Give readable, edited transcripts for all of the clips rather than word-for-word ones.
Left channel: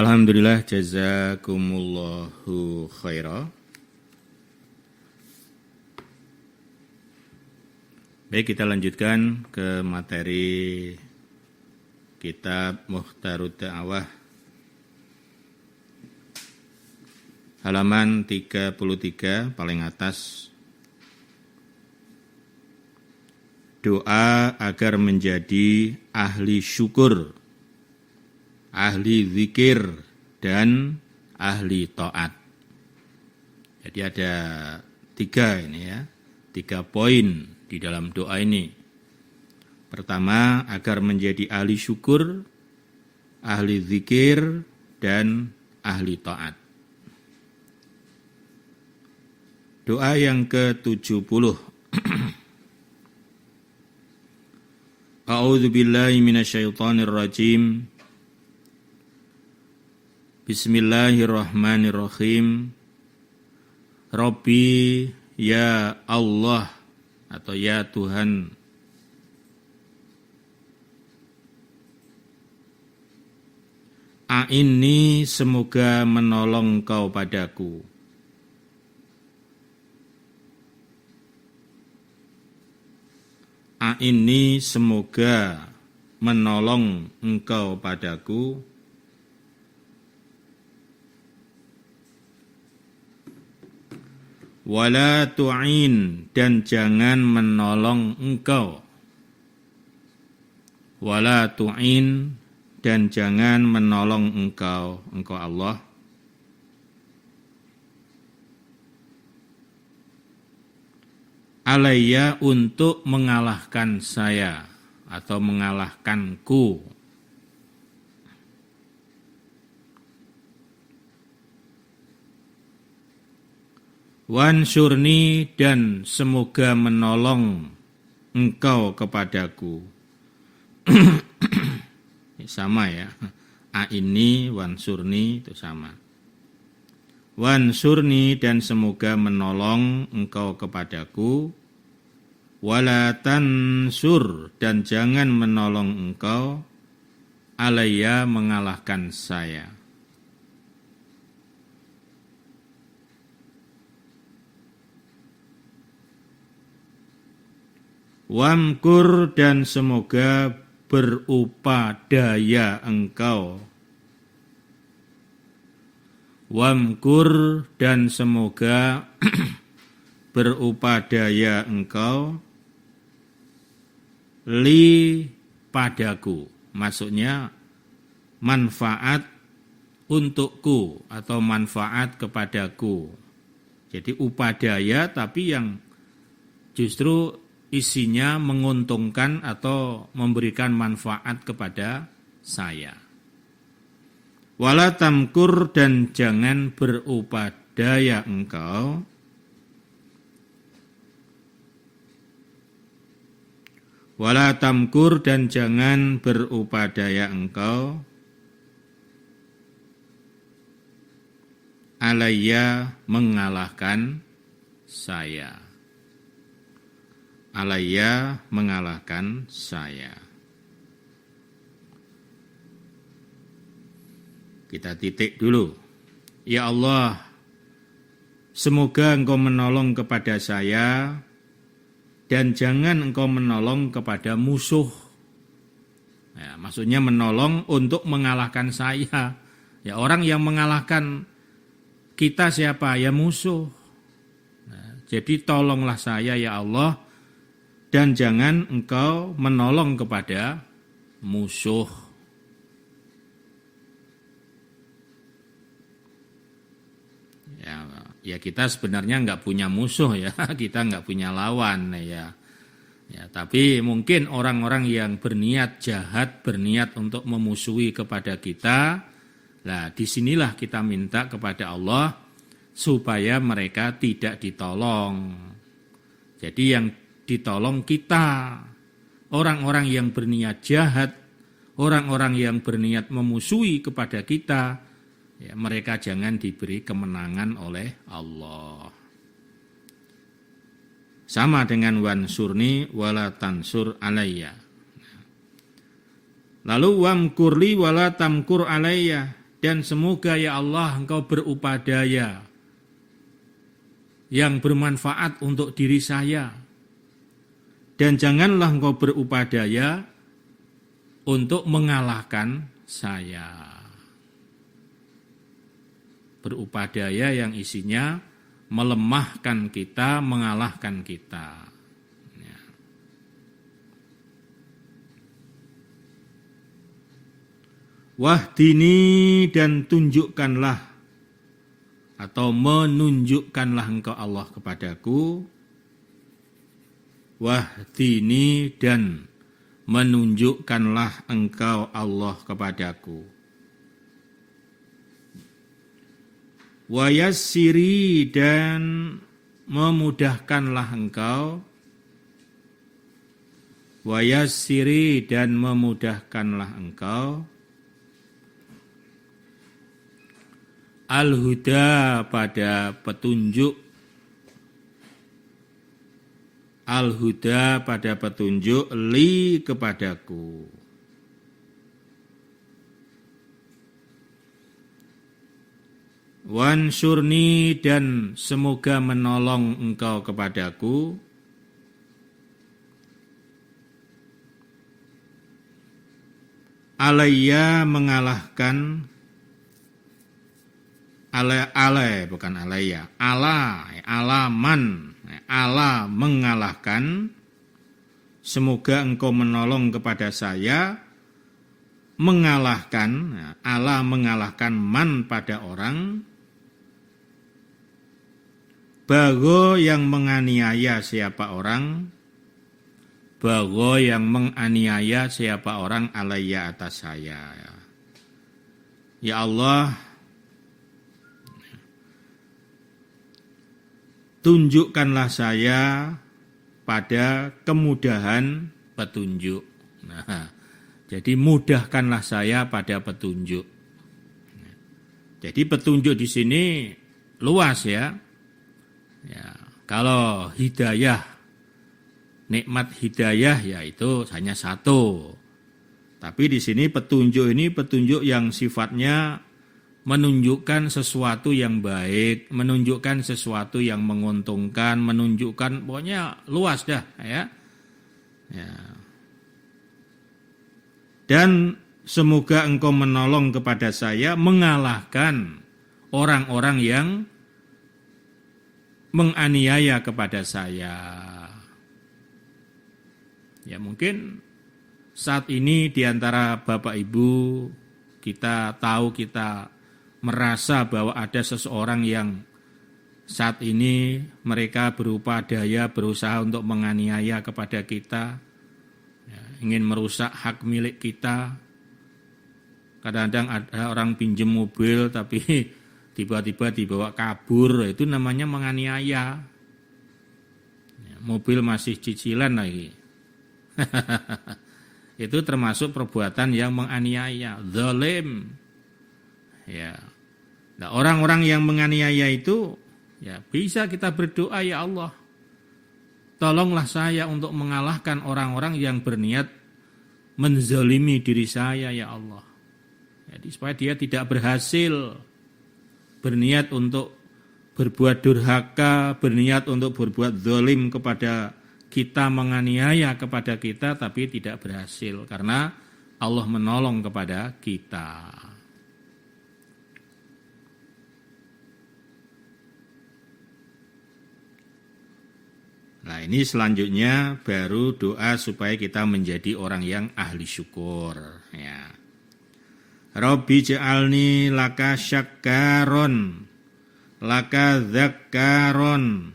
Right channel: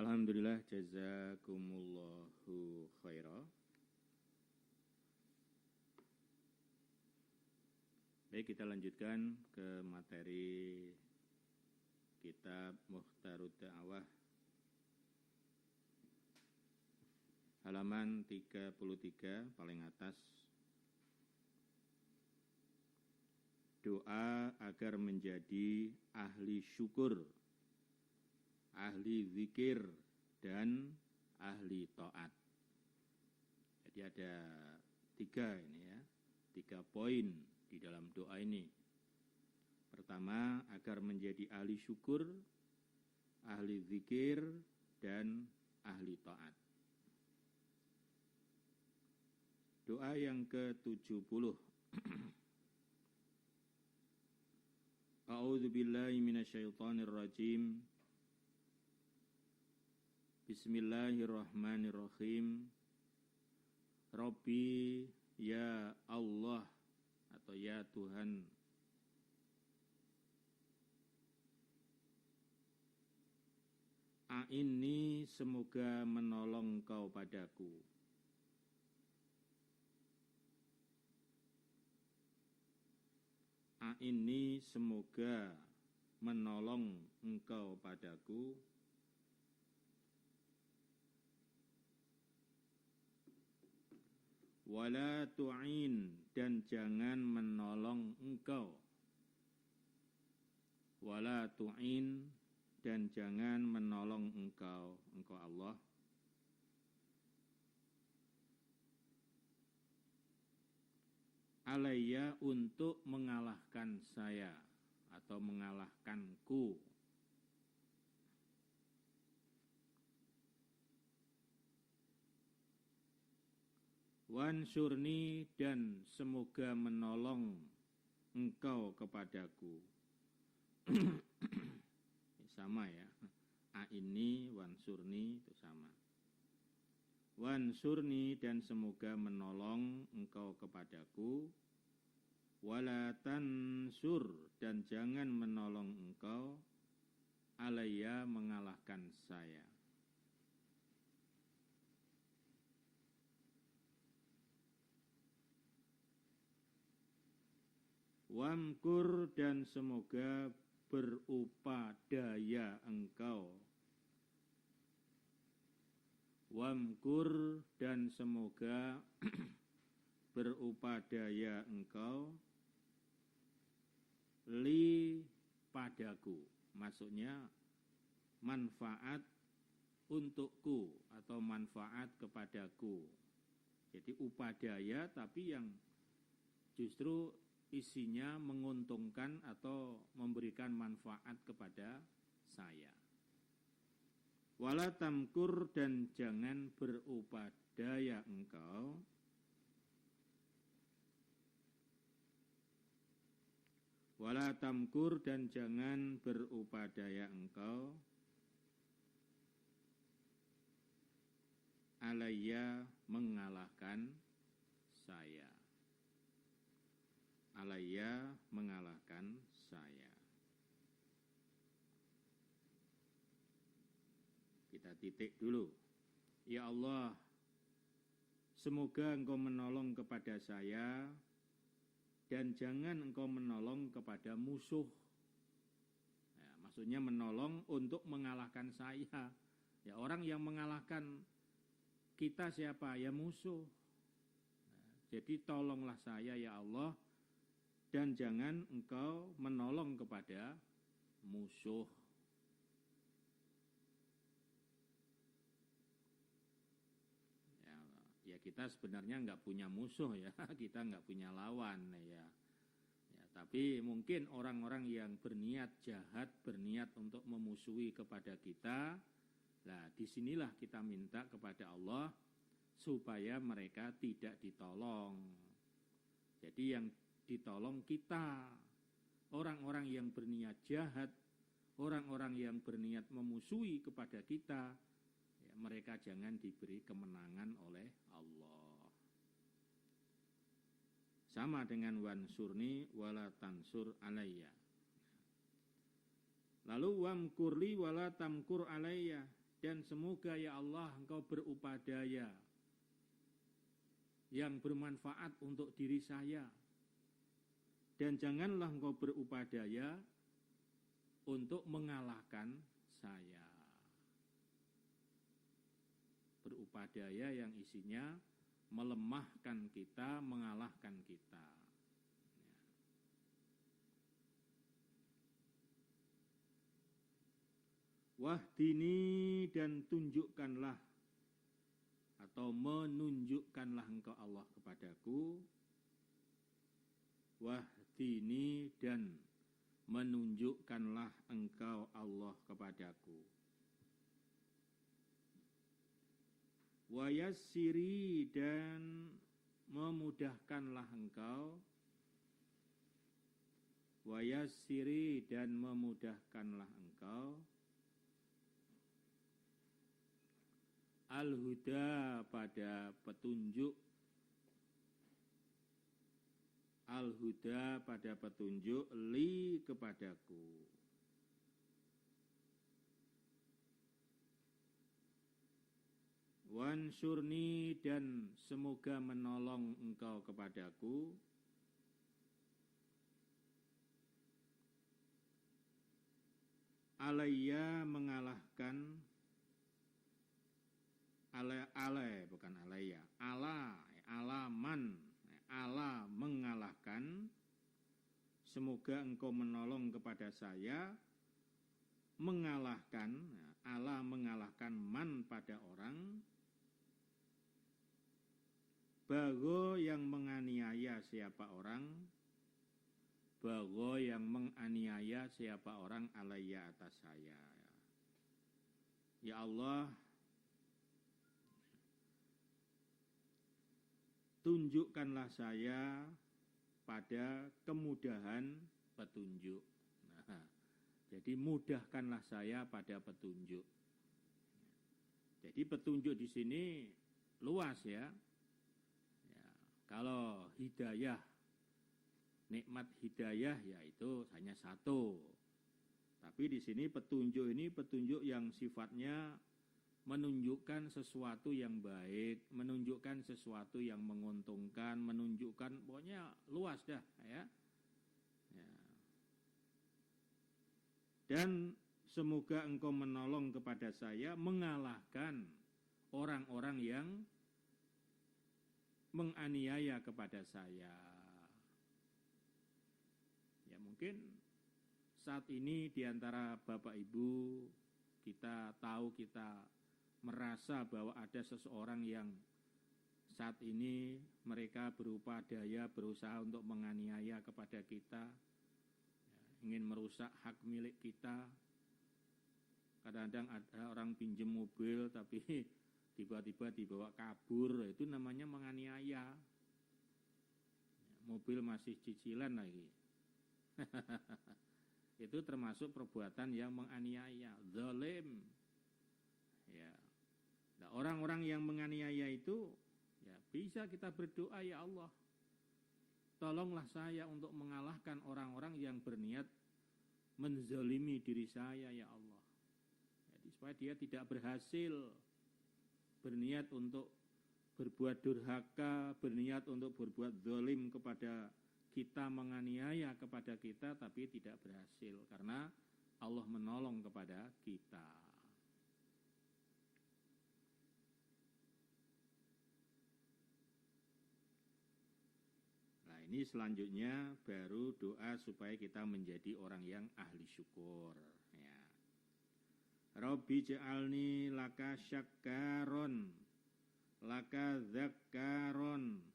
Alhamdulillah, jazakumullahu khaira. Baik, kita lanjutkan ke materi kitab Mukhtarud Da'wah halaman 33 paling atas. Doa agar menjadi ahli syukur, ahli zikir, dan ahli taat. Jadi ada 3 ini ya, 3 poin di dalam doa ini. Pertama, agar menjadi ahli syukur, ahli zikir, dan ahli taat. Doa yang ke-70. A'udzu billahi minasyaitonir rajim. Bismillahirrahmanirrahim. Rabbi ya Allah atau ya Tuhan. A'inni, semoga menolong Kau padaku. A'inni, semoga menolong Engkau padaku. Wala tu'in, dan jangan menolong Engkau. Wala tu'in, dan jangan menolong Engkau Allah. Alayya, untuk mengalahkan saya atau mengalahkanku. Wansurni, dan semoga menolong Engkau kepadaku. Sama ya. A'inni, wansurni itu sama. Wansurni, dan semoga menolong Engkau kepadaku. Wala tansur, dan jangan menolong Engkau alayya, mengalahkan saya. Wamkur, dan semoga berupadaya Engkau. Wamkur, dan semoga berupadaya Engkau li, padaku. Maksudnya manfaat untukku atau manfaat kepadaku. Jadi upadaya tapi yang justru isinya menguntungkan atau memberikan manfaat kepada saya. Wala tamkur, dan jangan berupadaya engkau. Wala tamkur, dan jangan berupadaya engkau. Alayya, mengalahkan saya. Alayya, mengalahkan saya. Kita titik dulu. Ya Allah, semoga Engkau menolong kepada saya dan jangan Engkau menolong kepada musuh. Ya, maksudnya menolong untuk mengalahkan saya. Ya, orang yang mengalahkan kita siapa? Ya musuh. Nah, jadi tolonglah saya ya Allah, dan jangan Engkau menolong kepada musuh. Ya kita sebenarnya nggak punya musuh ya, kita nggak punya lawan ya. Ya, tapi mungkin orang-orang yang berniat jahat, berniat untuk memusuhi kepada kita, nah disinilah kita minta kepada Allah supaya mereka tidak ditolong. Jadi yang ditolong kita, orang-orang yang berniat jahat, orang-orang yang berniat memusuhi kepada kita, ya, mereka jangan diberi kemenangan oleh Allah. Sama dengan wansurni wala tansur alayya. Lalu wamkurli wala tamkur alayya, Dan semoga ya Allah Engkau berupadaya yang bermanfaat untuk diri saya. Dan janganlah Engkau berupadaya untuk mengalahkan saya. Berupadaya yang isinya melemahkan kita, mengalahkan kita. Ya. Wahdini, dan tunjukkanlah atau menunjukkanlah Engkau Allah kepadaku. Wahdini, dan menunjukkanlah Engkau Allah kepadaku. Wayassiri, dan memudahkanlah Engkau. Wayassiri, dan memudahkanlah Engkau. Al-huda, pada petunjuk. Al-huda, pada petunjuk, li, kepadaku. Wansurni, dan semoga menolong Engkau kepadaku. Alayya, mengalahkan. Bukan alayya. Alaman. Allah mengalahkan. Semoga Engkau menolong kepada saya. Mengalahkan. Allah mengalahkan man, pada orang. Bago, yang menganiaya siapa orang. Bago, yang menganiaya siapa orang, alayya, atas saya. Ya Allah, tunjukkanlah saya pada kemudahan petunjuk. Nah, jadi mudahkanlah saya pada petunjuk. Jadi petunjuk di sini luas ya. Ya, kalau hidayah, nikmat hidayah ya itu hanya satu. Tapi di sini petunjuk ini petunjuk yang sifatnya menunjukkan sesuatu yang baik, menunjukkan sesuatu yang menguntungkan, menunjukkan pokoknya luas dah ya. Ya. Dan semoga Engkau menolong kepada saya mengalahkan orang-orang yang menganiaya kepada saya. Ya mungkin saat ini di antara Bapak Ibu kita tahu, kita merasa bahwa ada seseorang yang saat ini mereka berupadaya berusaha untuk menganiaya kepada kita, ya, ingin merusak hak milik kita. Kadang-kadang ada orang pinjam mobil tapi tiba-tiba dibawa kabur, itu namanya menganiaya. Ya, mobil masih cicilan lagi. Itu termasuk perbuatan yang menganiaya, zalim. Ya. Nah, orang-orang yang menganiaya itu ya bisa kita berdoa, ya Allah, tolonglah saya untuk mengalahkan orang-orang yang berniat menzalimi diri saya, ya Allah. Jadi supaya dia tidak berhasil berniat untuk berbuat durhaka, berniat untuk berbuat zalim kepada kita, menganiaya kepada kita, tapi tidak berhasil karena Allah menolong kepada kita. Nah, ini selanjutnya baru doa supaya kita menjadi orang yang ahli syukur. Ya. Rabbi ja'alni laka syakkaron, laka dzakkaron,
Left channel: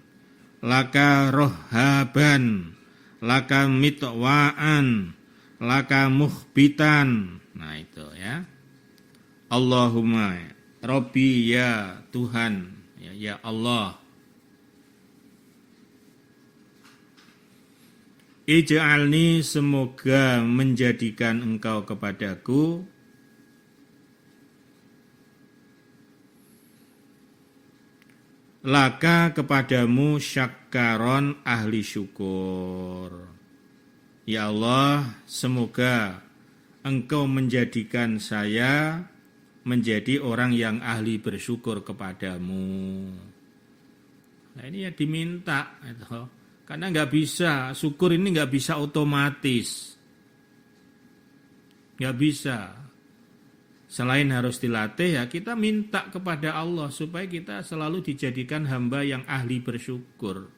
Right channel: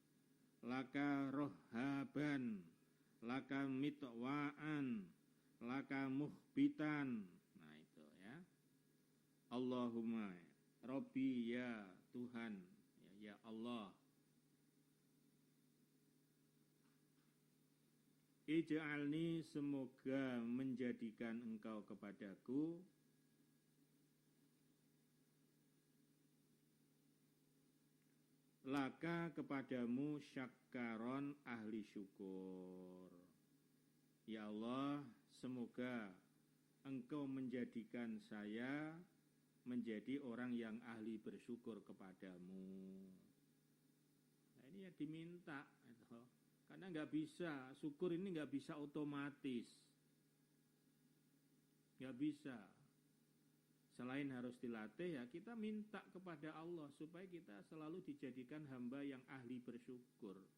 laka rohaban, laka mitwa'an, laka muhbitan. Nah itu ya. Allahumma, Rabbi, ya Tuhan, ya Allah. Ij'alni, semoga menjadikan Engkau kepadaku laka, kepadamu, syakkaron, ahli syukur. Ya Allah, semoga Engkau menjadikan saya menjadi orang yang ahli bersyukur kepadamu. Nah ini ya diminta, karena nggak bisa, syukur ini nggak bisa otomatis, nggak bisa. Selain harus dilatih, ya kita minta kepada Allah supaya kita selalu dijadikan hamba yang ahli bersyukur.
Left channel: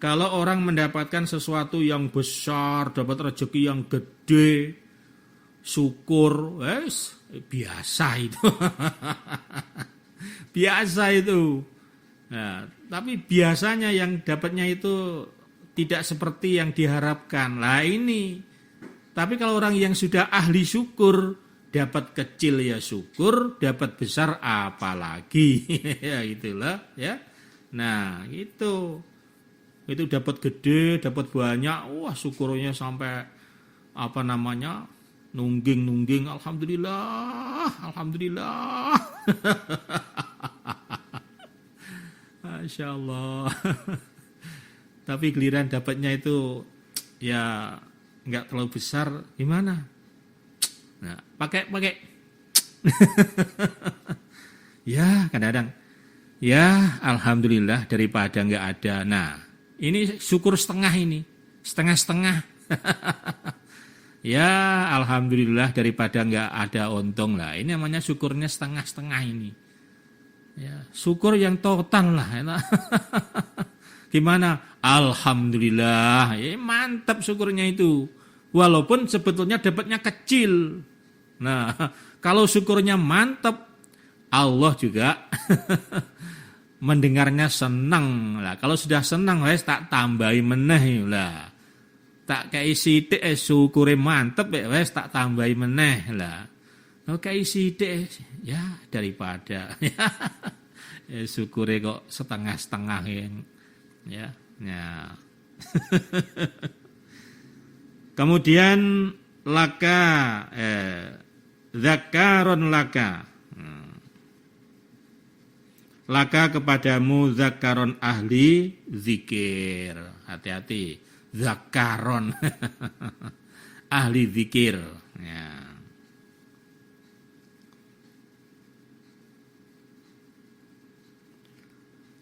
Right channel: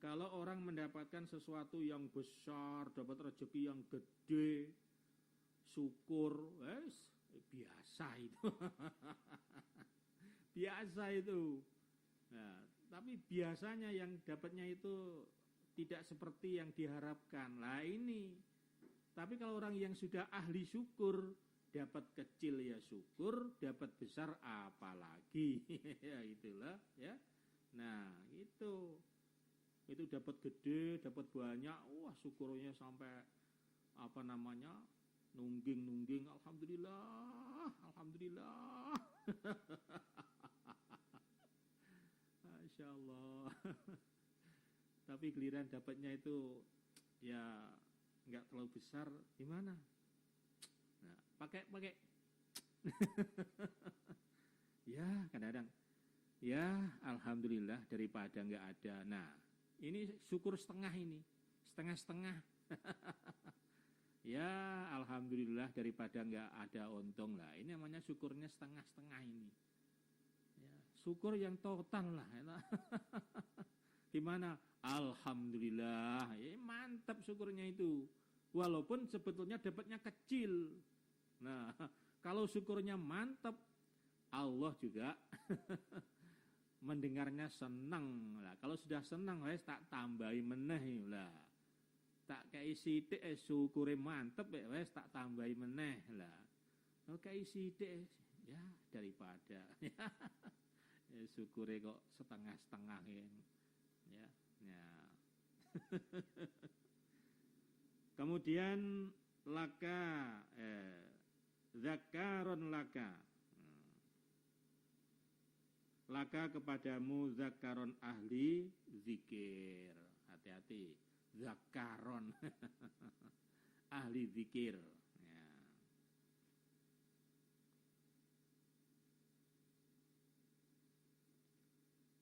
Kalau orang mendapatkan sesuatu yang besar, dapat rezeki yang gede, syukur, biasa itu. Biasa itu. Nah, tapi biasanya yang dapatnya itu tidak seperti yang diharapkan. Lah ini. Tapi kalau orang yang sudah ahli syukur, dapat kecil ya syukur, dapat besar apalagi. Ya itulah ya. Nah, itu dapat gede, dapat banyak, wah syukurnya sampai nungging, alhamdulillah. Masya Allah. Tapi giliran dapatnya itu ya nggak terlalu besar, gimana? Nah, pakai. Ya kadang-kadang, ya alhamdulillah daripada nggak ada. Nah, ini syukur setengah ini, setengah-setengah. Ya alhamdulillah daripada nggak ada untung lah. Ini namanya syukurnya setengah-setengah ini. Ya, syukur yang total lah. Gimana? Alhamdulillah. Ya, mantap syukurnya itu. Walaupun sebetulnya dapatnya kecil. Nah, kalau syukurnya mantap, Allah juga mendengarnya senang lah. Kalau sudah senang, wes tak tambahi meneh lah. Tak kei sithik syukure mantep wes tak tambahi meneh lah. Kei sithik ya daripada ya syukure kok setengah-setengah ya. Kemudian laka zakaron laka. Laka kepadamu zakaron ahli zikir. Hati-hati. Zakaron ahli zikir ya.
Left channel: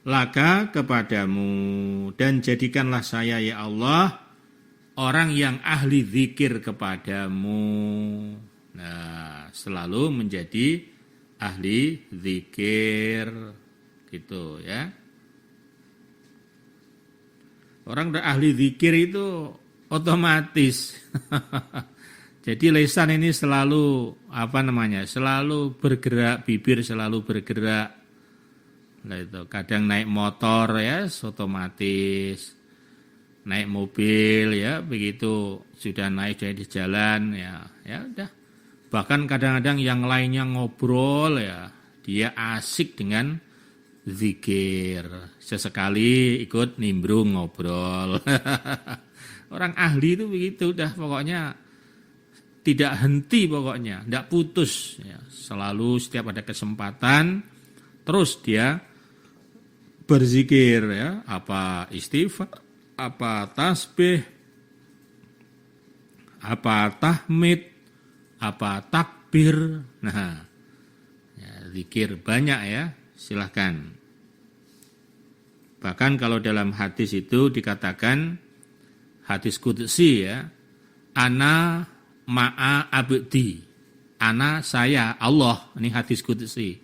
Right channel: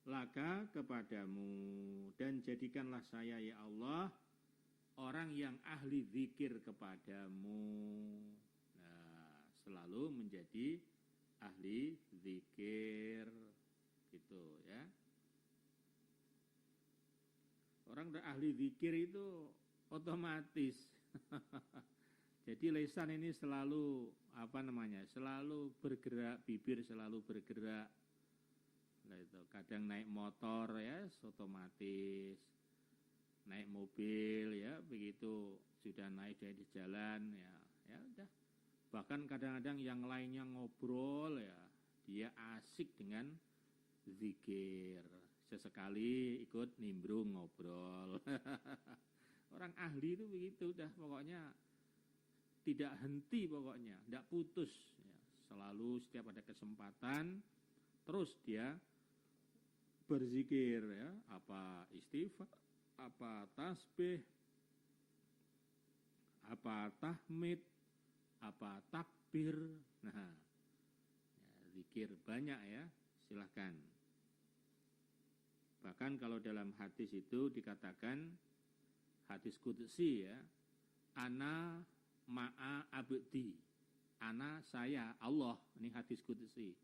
Laka kepadamu dan jadikanlah saya ya Allah orang yang ahli zikir kepadamu. Nah, selalu menjadi ahli zikir gitu ya. Orang udah ahli zikir itu otomatis. Jadi lisan ini selalu selalu bergerak, bibir selalu bergerak. Nah, itu kadang naik motor ya otomatis, naik mobil ya begitu sudah naik dari jalan ya udah. Bahkan kadang-kadang yang lainnya ngobrol ya dia asik dengan zikir, sesekali ikut nimbrung ngobrol. Orang ahli itu begitu, udah pokoknya tidak henti pokoknya, tidak putus. Ya. Selalu setiap ada kesempatan, terus dia berzikir ya, apa istighfar, apa tasbih, apa tahmid, apa takbir. Nah, ya, zikir banyak ya. Silahkan. Bahkan kalau dalam hadis itu dikatakan hadis qudsi ya, ana ma'a abdi, ana saya Allah, ini hadis qudsi.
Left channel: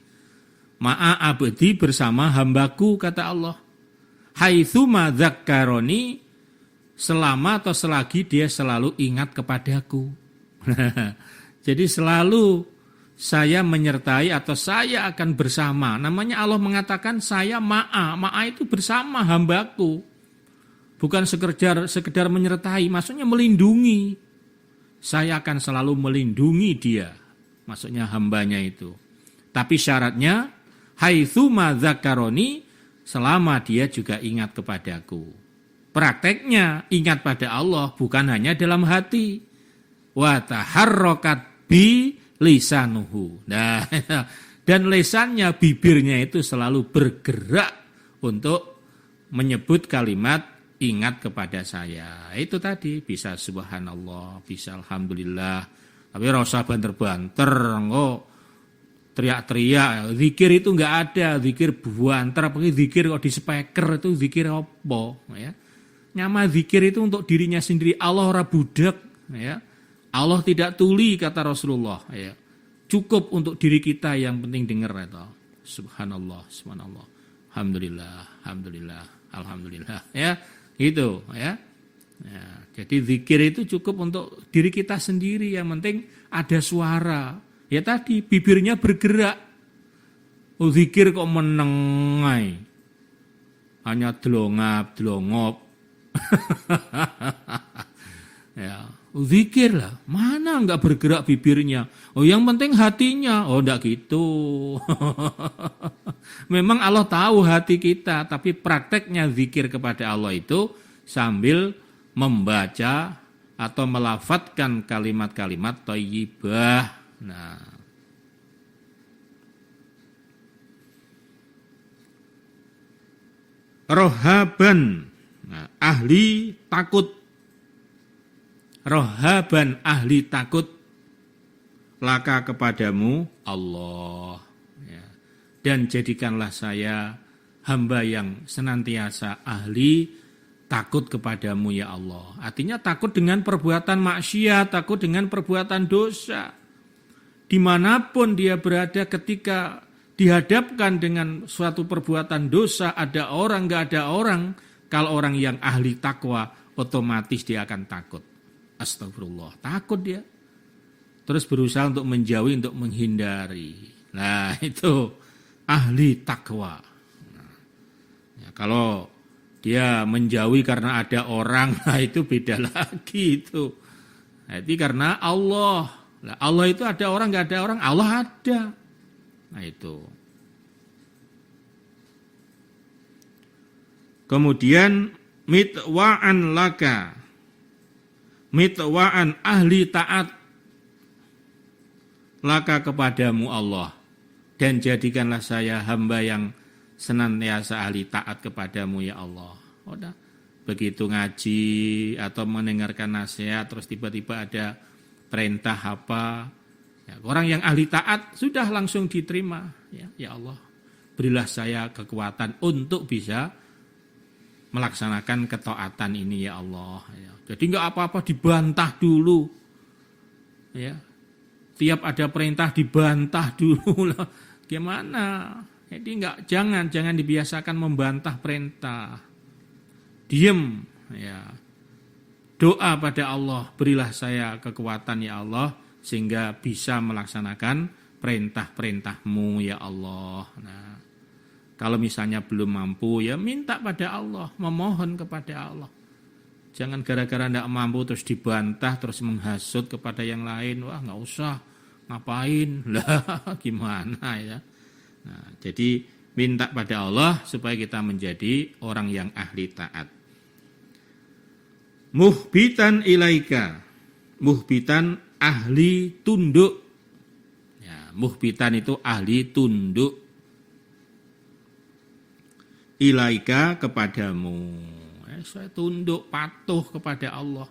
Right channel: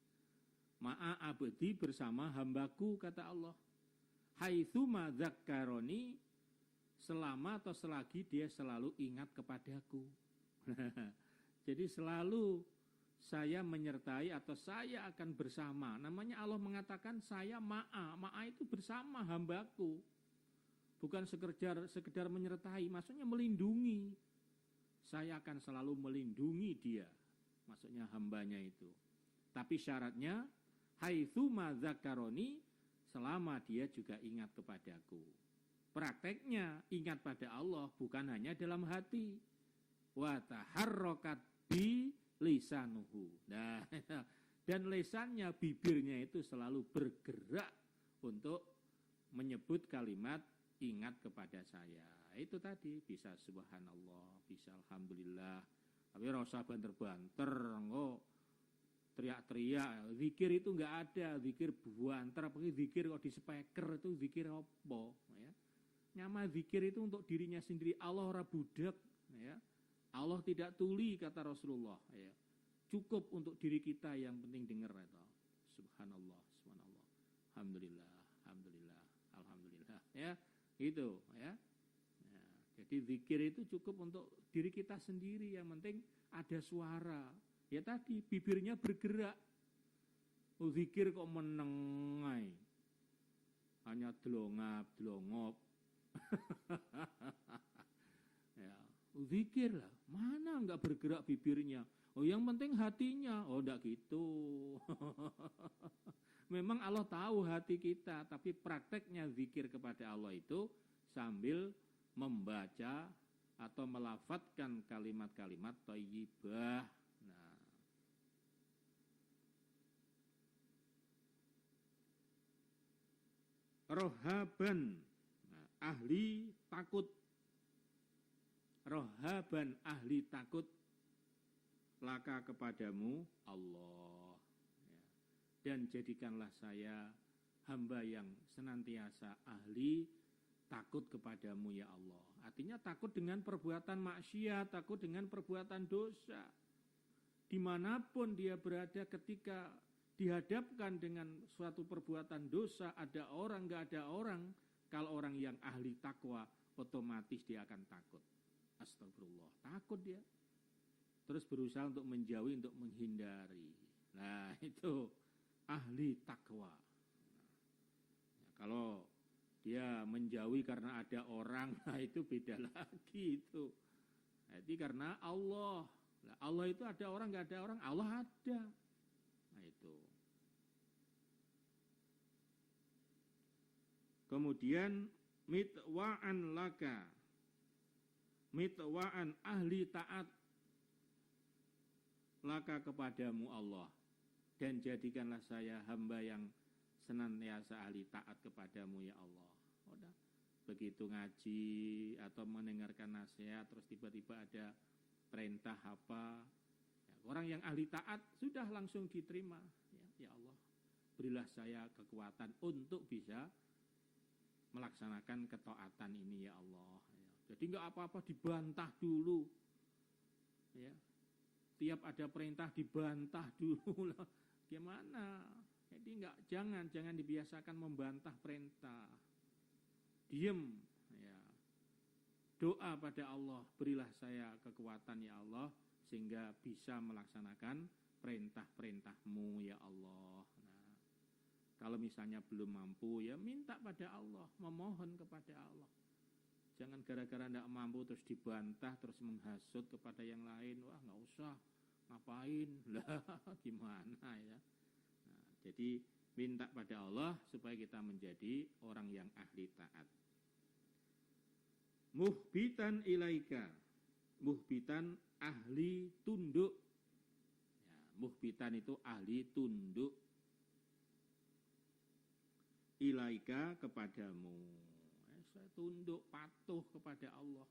Ma'a abdi bersama hambaku kata Allah. Haitsuma dzakkaroni, selama atau selagi dia selalu ingat kepadaku. Jadi selalu saya menyertai atau saya akan bersama. Namanya Allah mengatakan saya ma'a. Ma'a itu bersama hambaku. Bukan sekedar menyertai, maksudnya melindungi. Saya akan selalu melindungi dia. Maksudnya hambanya itu. Tapi syaratnya, haitsuma dzakaroni, selama dia juga ingat kepadaku. Prakteknya ingat pada Allah bukan hanya dalam hati. Wa taharrakat bi lisanuhu. Nah, dan lisannya, bibirnya itu selalu bergerak untuk menyebut kalimat ingat kepada saya. Itu tadi bisa subhanallah, bisa alhamdulillah. Tapi ora usah banter-banter, engko teriak-teriak. Zikir itu enggak ada, zikir buantar, apalagi zikir kok di speaker itu zikir apa, ya. Nyama zikir itu untuk dirinya sendiri. Allah ora budak, ya. Allah tidak tuli kata Rasulullah, ya. Cukup untuk diri kita yang penting dengar itu. Subhanallah, subhanallah. Alhamdulillah, alhamdulillah, alhamdulillah, ya. Gitu, ya. Ya, jadi zikir itu cukup untuk diri kita sendiri, yang penting ada suara. Ya tadi bibirnya bergerak. Oh, zikir kok menengai. Hanya delongap. Ya, oh, zikir lah. Mana enggak bergerak bibirnya? Oh, yang penting hatinya. Oh, enggak gitu. Memang Allah tahu hati kita, tapi prakteknya zikir kepada Allah itu sambil membaca atau melafadzkan kalimat-kalimat thayyibah. Nah, rohaban, nah, ahli takut. Rohaban, ahli takut, laka kepadamu Allah, ya. Dan jadikanlah saya hamba yang senantiasa ahli takut kepadamu ya Allah. Artinya takut dengan perbuatan maksiat, takut dengan perbuatan dosa. Dimanapun dia berada ketika dihadapkan dengan suatu perbuatan dosa, ada orang, enggak ada orang. Kalau orang yang ahli takwa, otomatis dia akan takut. Astagfirullah, takut dia. Terus berusaha untuk menjauhi, untuk menghindari. Nah, itu ahli takwa. Nah, ya, kalau dia menjauhi karena ada orang, nah itu beda lagi itu. Nah, itu karena Allah. Nah, Allah itu ada orang, enggak ada orang, Allah ada. Nah itu. Kemudian mitwa'an laka. Mitwa'an ahli taat laka kepadamu Allah. Dan jadikanlah saya hamba yang senantiasa ahli taat kepadamu ya Allah. Udah. Begitu ngaji atau mendengarkan nasihat terus tiba-tiba ada perintah apa, ya, orang yang ahli taat sudah langsung diterima, ya Allah, berilah saya kekuatan untuk bisa melaksanakan ketaatan ini ya Allah. Ya. Jadi enggak apa-apa dibantah dulu, ya. Tiap ada perintah dibantah dulu lah. Gimana? Jadi jangan dibiasakan membantah perintah. Diem, ya. Doa pada Allah, berilah saya kekuatan ya Allah, sehingga bisa melaksanakan perintah-perintah-Mu ya Allah. Nah, kalau misalnya belum mampu, ya minta pada Allah, memohon kepada Allah. Jangan gara-gara tidak mampu terus dibantah, terus menghasut kepada yang lain. Wah, nggak usah, ngapain? Lah, gimana ya? Nah, jadi minta pada Allah supaya kita menjadi orang yang ahli taat. Muhbitan ilaika, muhbitan ahli tunduk. Ya, muhbitan itu ahli tunduk. Ilaika kepadamu. Saya tunduk patuh kepada Allah.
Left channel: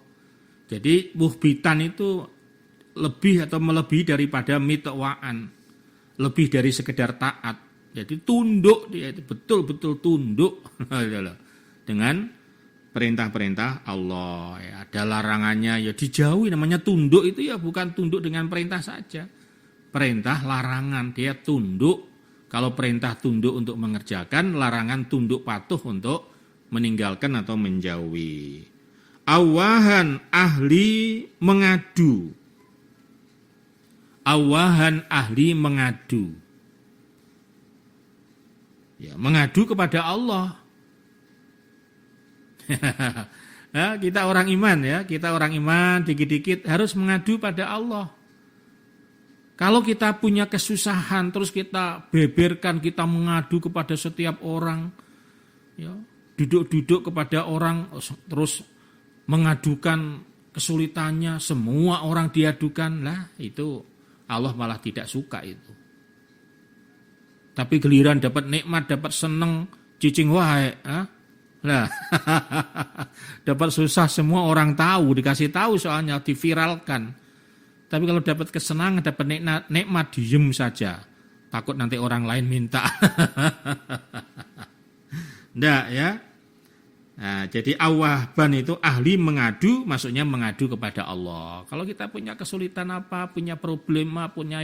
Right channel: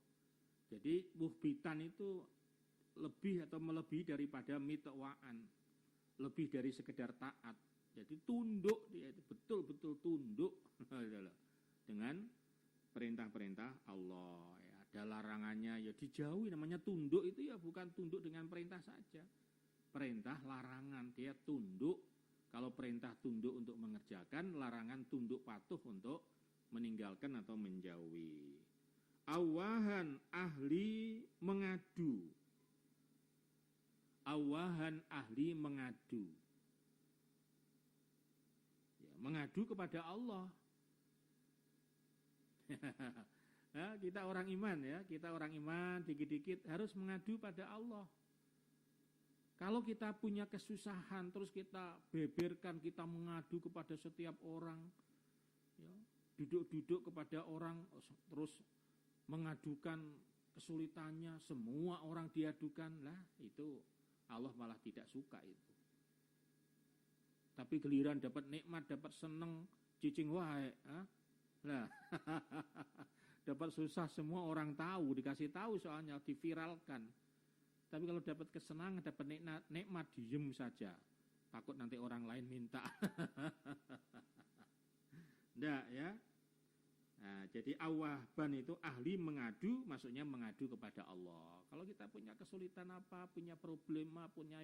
Jadi muhbitan itu lebih atau melebihi daripada mitwa'an, lebih dari sekedar taat. Jadi tunduk dia itu betul-betul tunduk dengan perintah-perintah Allah. Ya, ada larangannya ya dijauhi. Namanya tunduk itu ya bukan tunduk dengan perintah saja. Perintah larangan dia tunduk. Kalau perintah tunduk untuk mengerjakan, larangan tunduk patuh untuk meninggalkan atau menjauhi. Awahan ahli mengadu. Awahan ahli mengadu. Ya, mengadu kepada Allah. Ya, kita orang iman ya, kita orang iman dikit-dikit harus mengadu pada Allah. Kalau kita punya kesusahan terus kita beberkan, kita mengadu kepada setiap orang, ya, duduk-duduk kepada orang terus mengadukan kesulitannya, semua orang diadukan, lah itu Allah malah tidak suka itu. Tapi giliran dapat nikmat, dapat seneng, cicing wae, Nah, dapat susah semua orang tahu, dikasih tahu soalnya diviralkan. Tapi kalau dapat kesenangan, dapat nikmat, diem saja. takut nanti orang lain minta. Ndak ya. Nah, jadi awaban itu ahli mengadu, maksudnya mengadu kepada Allah. Kalau kita punya kesulitan apa, punya problema, punya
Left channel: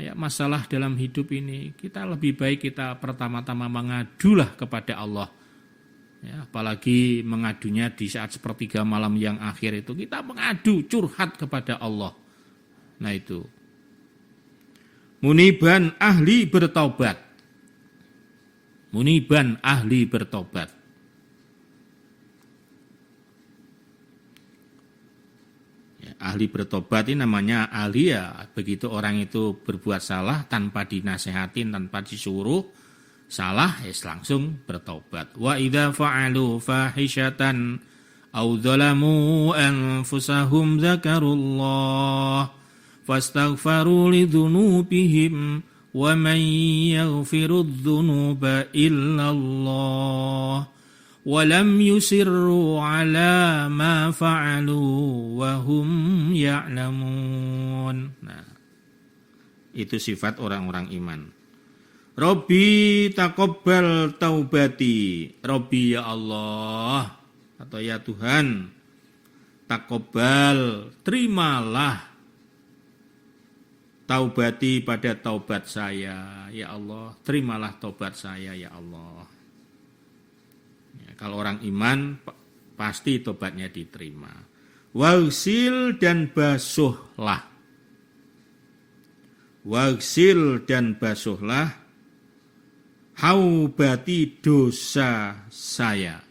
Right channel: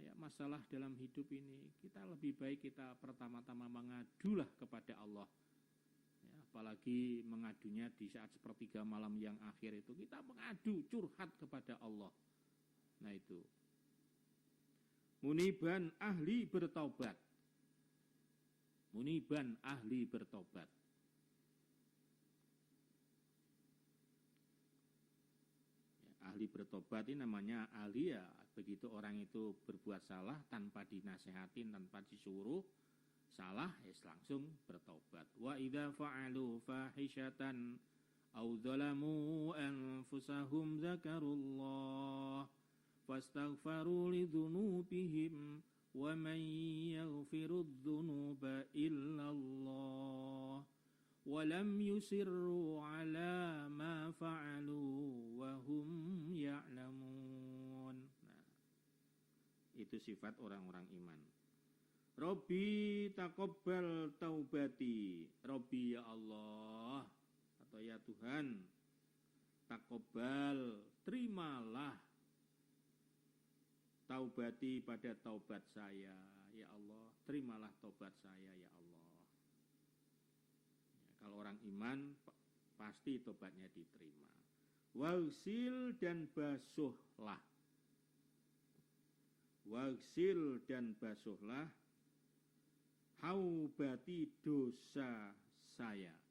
ya, masalah dalam hidup ini, kita lebih baik kita pertama-tama mengadulah kepada Allah. Ya, apalagi mengadunya di saat sepertiga malam yang akhir itu, kita mengadu, curhat kepada Allah. Nah itu. Muniban ahli bertobat. Muniban ahli bertobat. Ahli bertobat ini namanya ahli ya, begitu orang itu berbuat salah tanpa dinasehatin, tanpa disuruh salah, ya langsung bertobat. Wa idza fa'alu fahishatan aw dzalamu anfusahum dzakarullah fastaghfaru lidzunubihim wa man yaghfiru dzunuba illallah walam yusirru ala ma fa'alu wa hum ya'lamun. Nah, itu sifat orang-orang iman. Robbi taqabbal taubati. Robbi ya Allah atau ya Tuhan, taqabbal, terimalah taubati pada taubat saya ya Allah. Terimalah taubat saya ya Allah. Kalau orang iman pasti tobatnya diterima. Wagsil dan basuhlah. Wagsil dan basuhlah haubati dosa saya.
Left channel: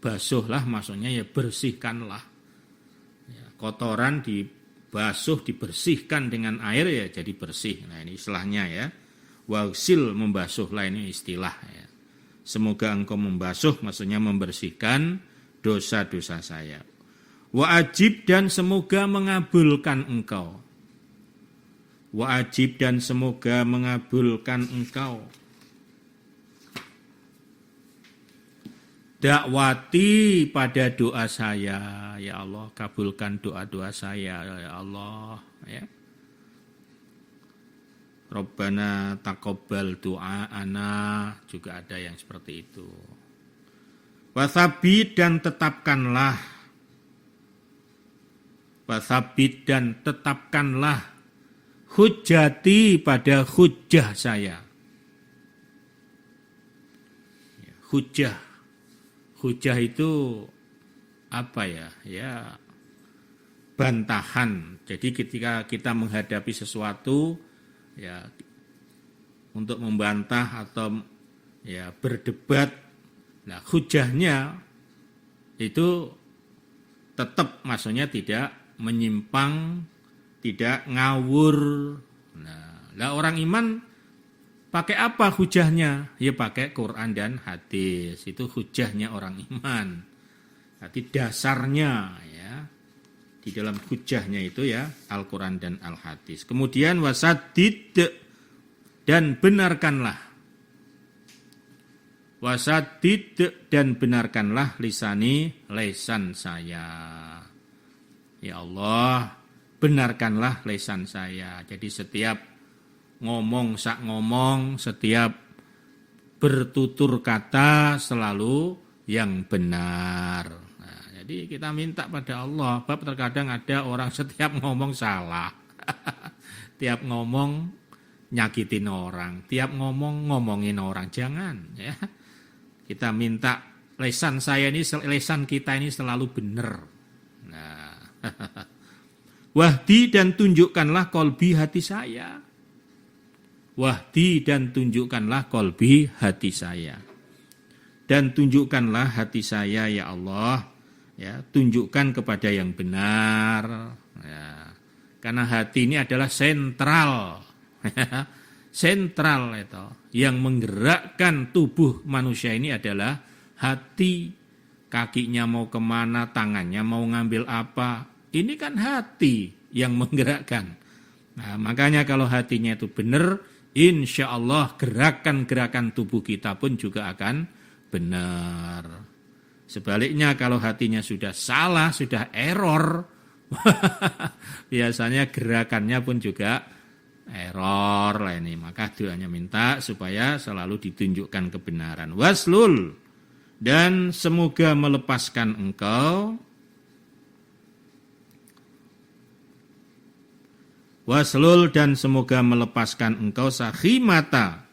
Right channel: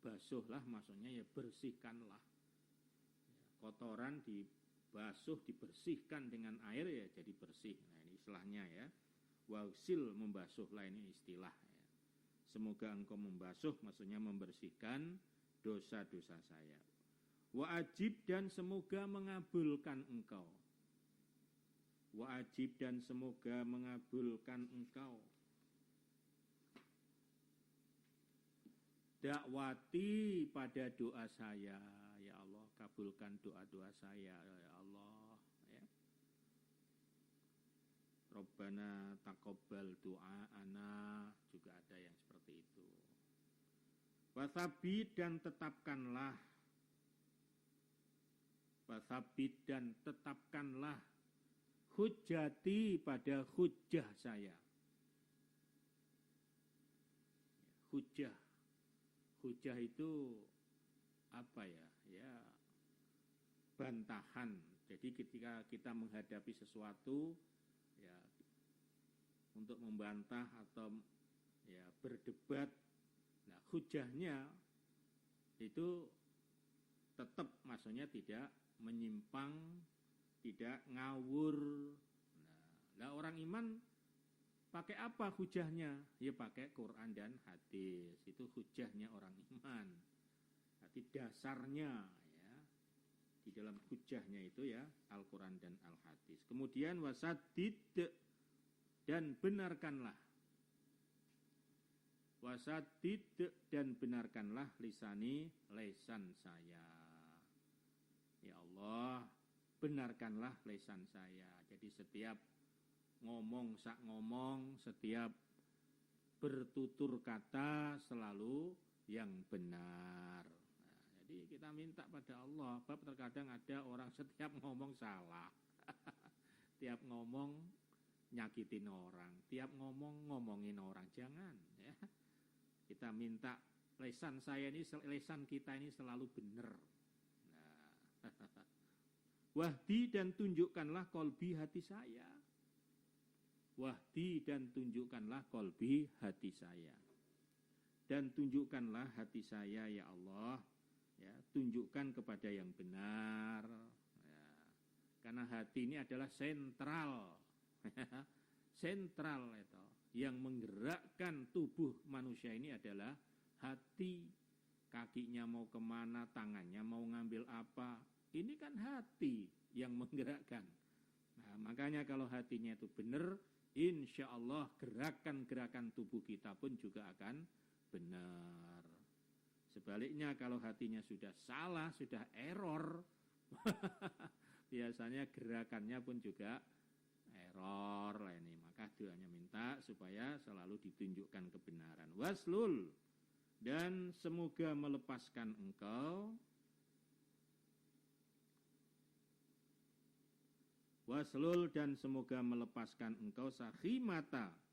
Basuhlah maksudnya ya bersihkanlah. Ya, kotoran dibasuh, dibersihkan dengan air ya jadi bersih. Nah ini istilahnya ya. Wagsil membasuhlah ini istilah ya. Semoga engkau membasuh, maksudnya membersihkan dosa-dosa saya. Wa ajib dan semoga mengabulkan engkau. Wa ajib dan semoga mengabulkan engkau. Dakwati pada doa saya, ya Allah, kabulkan doa-doa saya, ya Allah, ya. Rabbana taqabbal du'aana, juga ada yang seperti itu. Wasabit dan tetapkanlah. Wasabit dan tetapkanlah hujjati pada hujjah saya. Hujjah. Hujjah itu apa ya? Ya bantahan. Jadi ketika kita menghadapi sesuatu ya untuk membantah atau ya berdebat, nah hujahnya itu tetap maksudnya tidak menyimpang, tidak ngawur. Nah, orang iman pakai apa hujahnya? Ya pakai Quran dan hadis. Itu hujahnya orang iman. Berarti dasarnya ya di dalam hujahnya itu ya Al-Quran dan Al-Hadis. Kemudian wasadid dan benarkanlah. Wasadid dan benarkanlah lisan saya. Ya Allah, benarkanlah lisan saya. Jadi setiap ngomong, setiap bertutur kata selalu yang benar. Jadi kita minta pada Allah, bab terkadang ada orang setiap ngomong salah. Tiap ngomong nyakitin orang, tiap ngomong ngomongin orang, jangan ya. Kita minta lisan kita ini selalu benar. Nah. Wahdi dan tunjukkanlah kolbi hati saya. Wahdi dan tunjukkanlah kolbi hati saya. Dan tunjukkanlah hati saya ya Allah. Ya, tunjukkan kepada yang benar. Ya, karena hati ini adalah sentral. Sentral itu. Yang menggerakkan tubuh manusia ini adalah hati. Kakinya mau kemana, tangannya mau ngambil apa. Ini kan hati yang menggerakkan. Nah, makanya kalau hatinya itu benar, insya Allah gerakan-gerakan tubuh kita pun juga akan benar. Sebaliknya kalau hatinya sudah salah, sudah error, biasanya gerakannya pun juga error lah ini. Maka doanya minta supaya selalu ditunjukkan kebenaran. Waslul, dan semoga melepaskan engkau. Waslul, dan semoga melepaskan engkau sakhimata,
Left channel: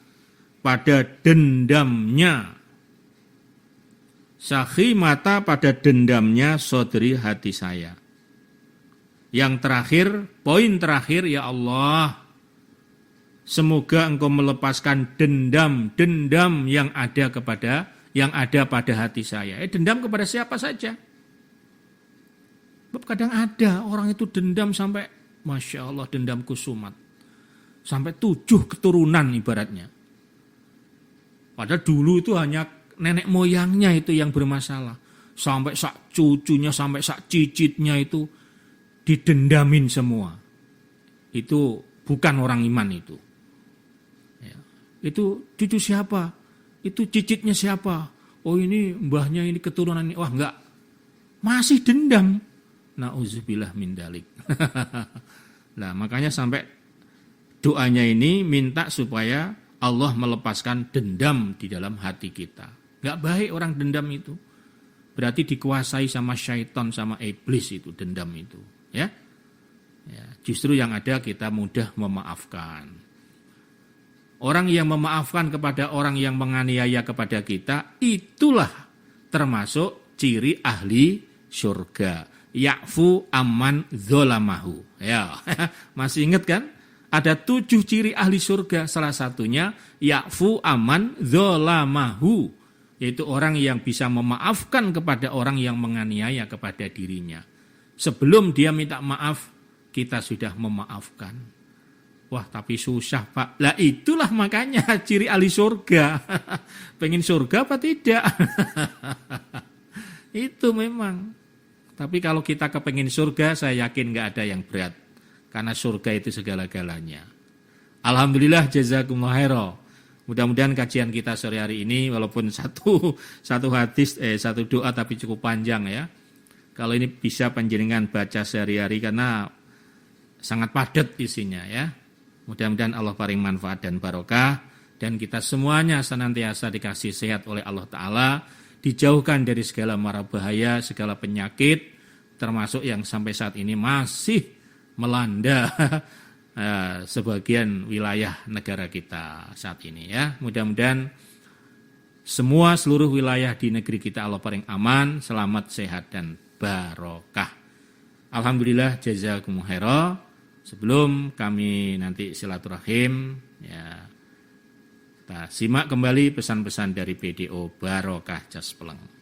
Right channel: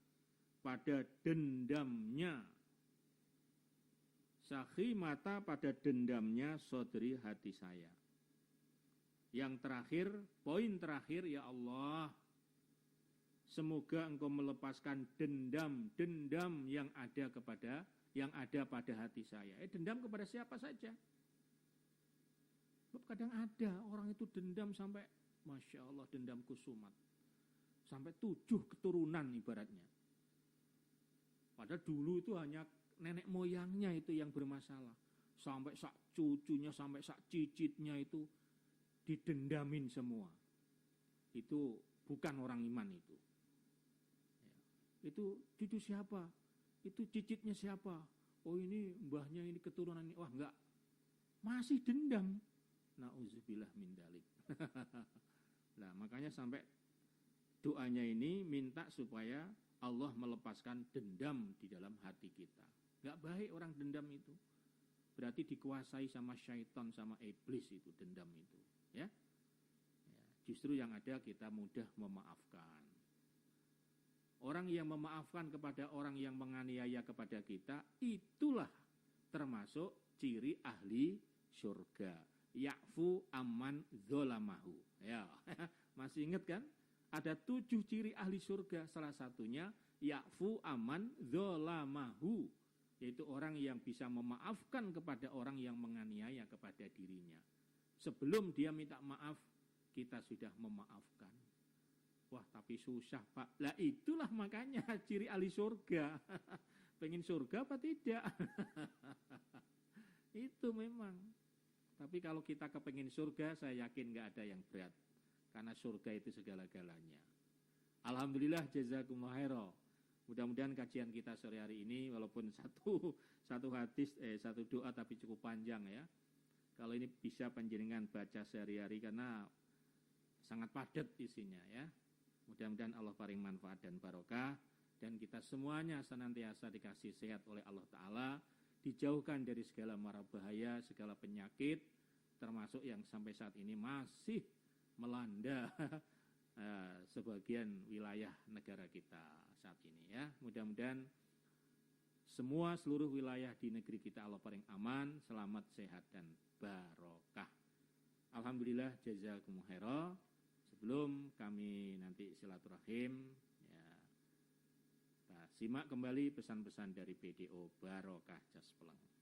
pada dendamnya. Sakhimata, pada dendamnya sodri, hati saya. Yang terakhir, poin terakhir, ya Allah, semoga engkau melepaskan dendam yang ada pada hati saya. Dendam kepada siapa saja. Kadang ada orang itu dendam sampai, Masya Allah, dendam kusumat. Sampai 7 keturunan ibaratnya. Padahal dulu itu hanya nenek moyangnya itu yang bermasalah. Sampai sak cucunya, sampai sak cicitnya itu didendamin semua. Itu bukan orang iman itu. Ya. Itu cucu siapa? Itu cicitnya siapa? Oh ini mbahnya, ini keturunan ini. Wah enggak. Masih dendam. Na'udzubillah min dalik. Nah makanya sampai doanya ini minta supaya Allah melepaskan dendam di dalam hati kita. Enggak baik orang dendam itu. Berarti dikuasai sama syaitan, sama iblis itu, dendam itu. Ya, justru yang ada kita mudah memaafkan. Orang yang memaafkan kepada orang yang menganiaya kepada kita, itulah termasuk ciri ahli surga. Ya'fu amman dzalamahu. Ya, masih ingat kan? Ada 7 ciri ahli surga. Salah satunya ya'fu amman dzalamahu, yaitu orang yang bisa memaafkan kepada orang yang menganiaya kepada dirinya. Sebelum dia minta maaf, kita sudah memaafkan. Wah, tapi susah, Pak. Lah itulah makanya ciri ahli surga. Pengen surga apa tidak? Itu memang. Tapi kalau kita kepengen surga, saya yakin nggak ada yang berat. Karena surga itu segala-galanya. Alhamdulillah, jazakumullah khairan. Mudah-mudahan kajian kita sore hari ini, walaupun satu hadis, satu doa tapi cukup panjang ya. Kalau ini bisa panjenengan baca sehari-hari karena sangat padat isinya ya. Mudah-mudahan Allah paring manfaat dan barokah. Dan kita semuanya senantiasa dikasih sehat oleh Allah Ta'ala. Dijauhkan dari segala mara bahaya, segala penyakit, termasuk yang sampai saat ini masih melanda sebagian wilayah negara kita saat ini ya. Mudah-mudahan seluruh wilayah di negeri kita Allah paling aman, selamat, sehat dan barokah. Alhamdulillah, jazakumullah khairan. Sebelum kami nanti silaturahim ya, kita simak kembali pesan-pesan dari BDO Barokah Jas Peleng.